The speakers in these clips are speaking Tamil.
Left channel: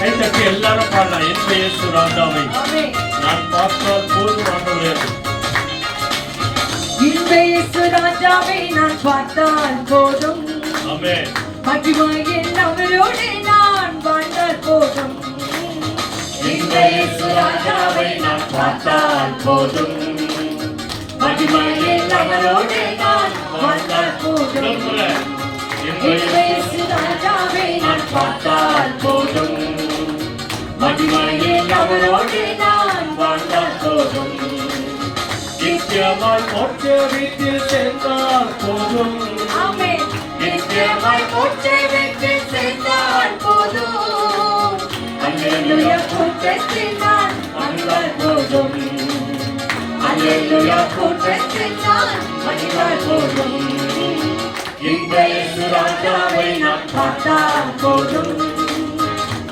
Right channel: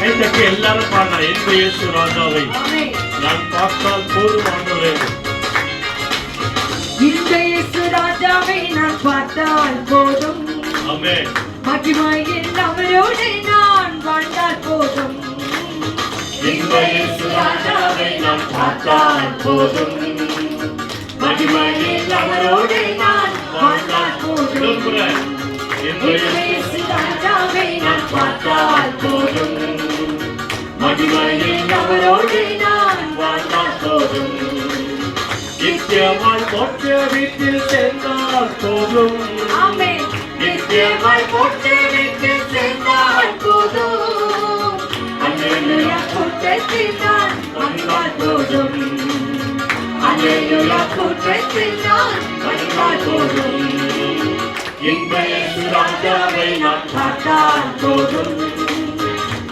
கைத்தட்டி எல்லாரும் பாடலாம். என் இயேசு ராஜாவை நான் பார்த்தால் போதும் ஆண்டவரே. இந்த இயேசு ராஜாவை நான் பார்த்தால் போதும். ஆமென். மகிமையில் அவரோடு நான் வாழ்ந்தால் போதும். இந்த இயேசு ராஜாவை நான் பார்த்தால் போதும். மகிமையில் அவரோடு நான் வாழ்ந்தால் போதும். இந்த இயேசு ராஜாவை நான் பார்த்தால் போதும். மகிமையில் அவரோடு நான் வாழ்ந்தால் போதும். நித்தியமாய் மோட்ச வீட்டில் சேர்ந்தால் போதும். ஆமென். நித்தியமாய் மோட்ச வீட்டில் சேர்ந்தால் போதும். அல்லேலூயா கூட்டத்தில் நான் மகிழ்ந்தால் போதும். அல்லேலூயா கூட்டத்தில் நான் மகிழ்ந்தால் போதும். இந்த இயேசு ராஜாவை நான் பார்த்தால் போதும்.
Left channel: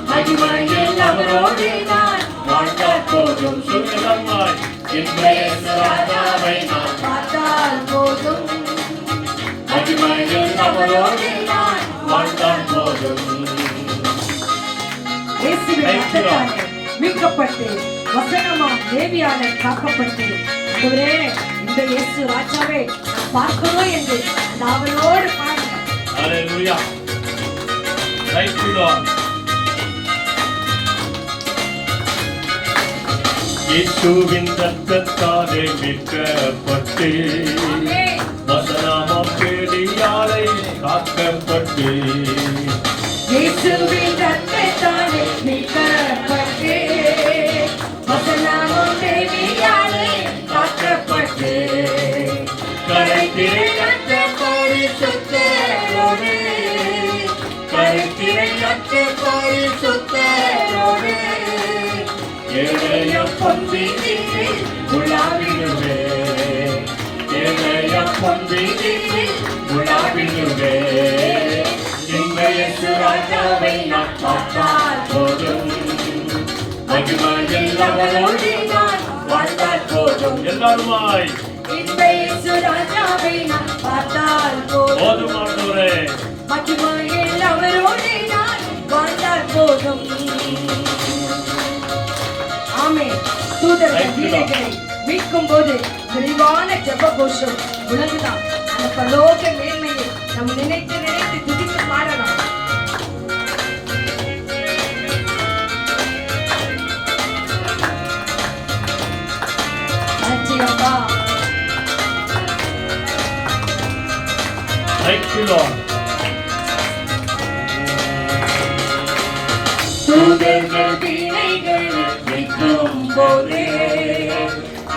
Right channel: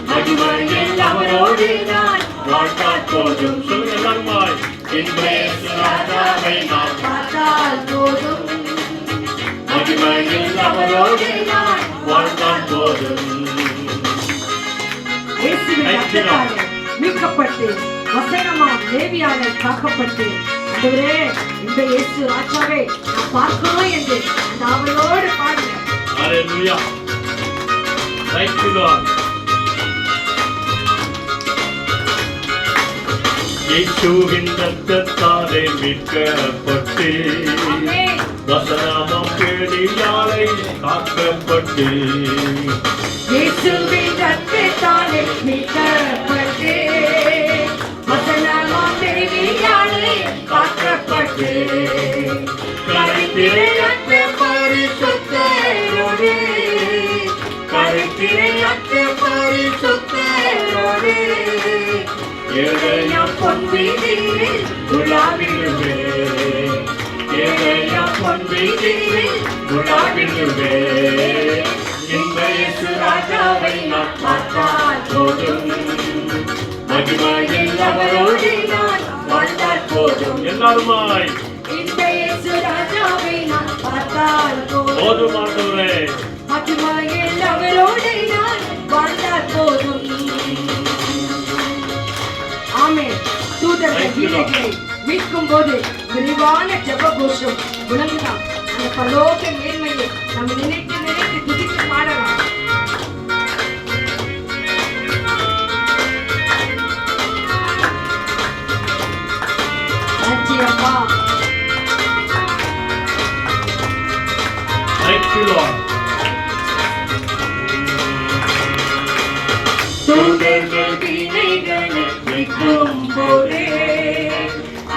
மகிமையில் அவரோடு நான் வாழ்ந்தால் போதும். சுயமாய் இந்த இயேசு ராஜாவை நான் பார்த்தால் போதும். மகிமையில் அவரோடு நான் வாழ்ந்தால் போதும். இயேசுவின் ரத்தத்தாலே மீட்கப்பட்டு வசனமாம் தேவியாளர் காக்கப்பட்டு ஆண்டவரே இந்த இயேசு ராஜாவை நான் பார்க்கணும் என்று அந்த அவளோடு பாடுங்க. Hallelujah. Thank you, Lord. இயேசுவின் ரத்தத்தாலே மீட்கப்பட்டு ஆமென். வசனமாம் தேடியாரை காக்கப்பட்டு இயேசுவின் ரத்தத்தாலே மீட்கப்பட்டு வசனமாம் தேவியாலே காக்கப்பட்டு கரைத்திரையற்ற பரிசுத்தரோடு கரைத்திரையற்ற பரிசுத்தரோடு ஏழையா பொன் வீதியில் உலாவிடுவே ஏழையா பொன் வீதியில் உலாவிடுவே இந்த இயேசு ராஜாவை நான் பார்த்தால் போதும். மகிமையில் அவரோடு நான் வாழ்ந்தால் போதும். எல்லாருமாய் இந்த இயேசு ராஜாவை நான் பார்த்தால் போதும். போதும் ஆண்டவரே. மகிமையில் அவரோடு நான் வாழ்ந்தால் போதும். ஆமென். தூதர்கள் கீழைகளை மீட்கும் போது விரிவான ஜெப கோஷம் முழங்கலாம். அந்த பரலோக மேன்மையை நாம் நினைத்து நினைத்து துதித்து பாடலாம். நன்றி அப்பா. Thank you, Lord. தூதர்கள் வீணைகள் மீட்கும் போது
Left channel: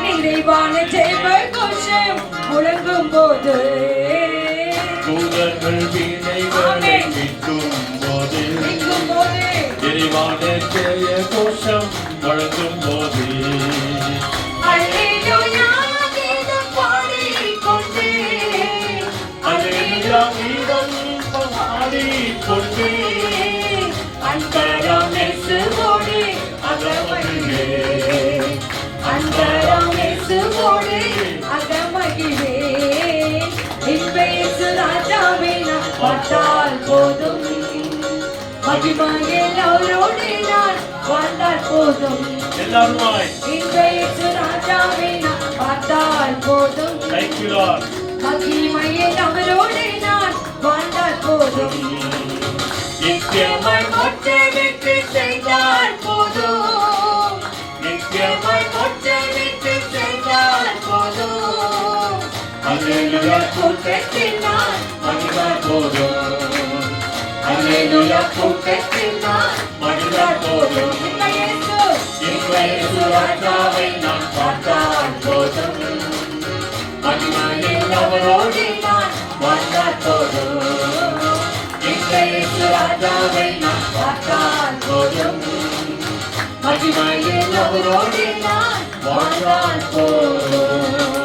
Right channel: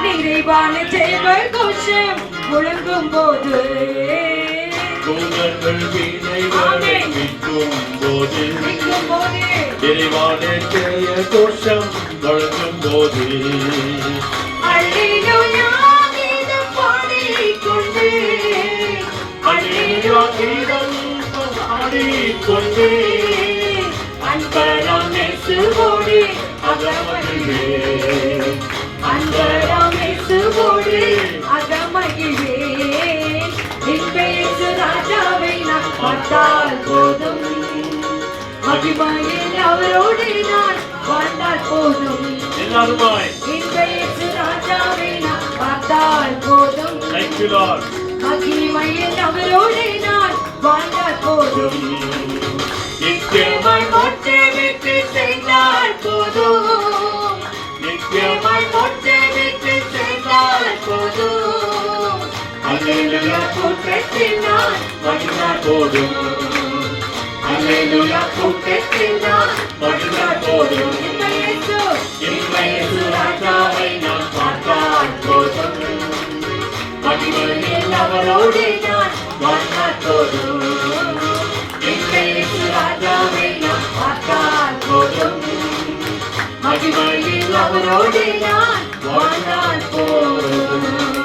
நிறைவான ஜெப கோஷம் முழங்கும் போது தூதர்கள் வீணைகளை மீட்கும் போது நிறைவான ஜெய கோஷம் வழங்கும் போது அல்லேலூயா கீதம் பாடிக்கொண்டு அல்லேலூயா கீதம் பாடிக்கொண்டு அன்பராம் இயேசுவோடு அகமகிழ்வே அன்பராம் இயேசுவோடு அகமகிழ்வே இந்த இயேசு ராஜாவை நான் பார்த்தால் போதும். மகிமையில் அவரோடு நான் வாழ்ந்தால் போதும். எல்லாருமாய் இந்த இயேசு ராஜாவை நான் பார்த்தால் போதும். Thank you, Lord. மகிமையில் அவரோடு நான் வாழ்ந்தால் போதும். நித்தியமாய் மோட்ச வீட்டில் செய்தால் போதும். நித்தியமாய் மோட்ச வீட்டில் செய்தால் போதும். அல்லேலூயா கூட்டத்தில் நான் மகிழ்ந்தால் போதும். அல்லேலூயா கூட்டத்தில் நான் மகிழ்ந்தால் போதும். இந்த இயேசு இந்த இயேசு ராஜாவை நான் பார்த்தால் போதும். மகிமையில் அவரோடு நான் வாழ்ந்தால் போதும். இந்த இயேசு ராஜாவை நான் பார்த்தால் போதும். மகிமையில் அவரோடு நான் வாழ்ந்தால் போதும்.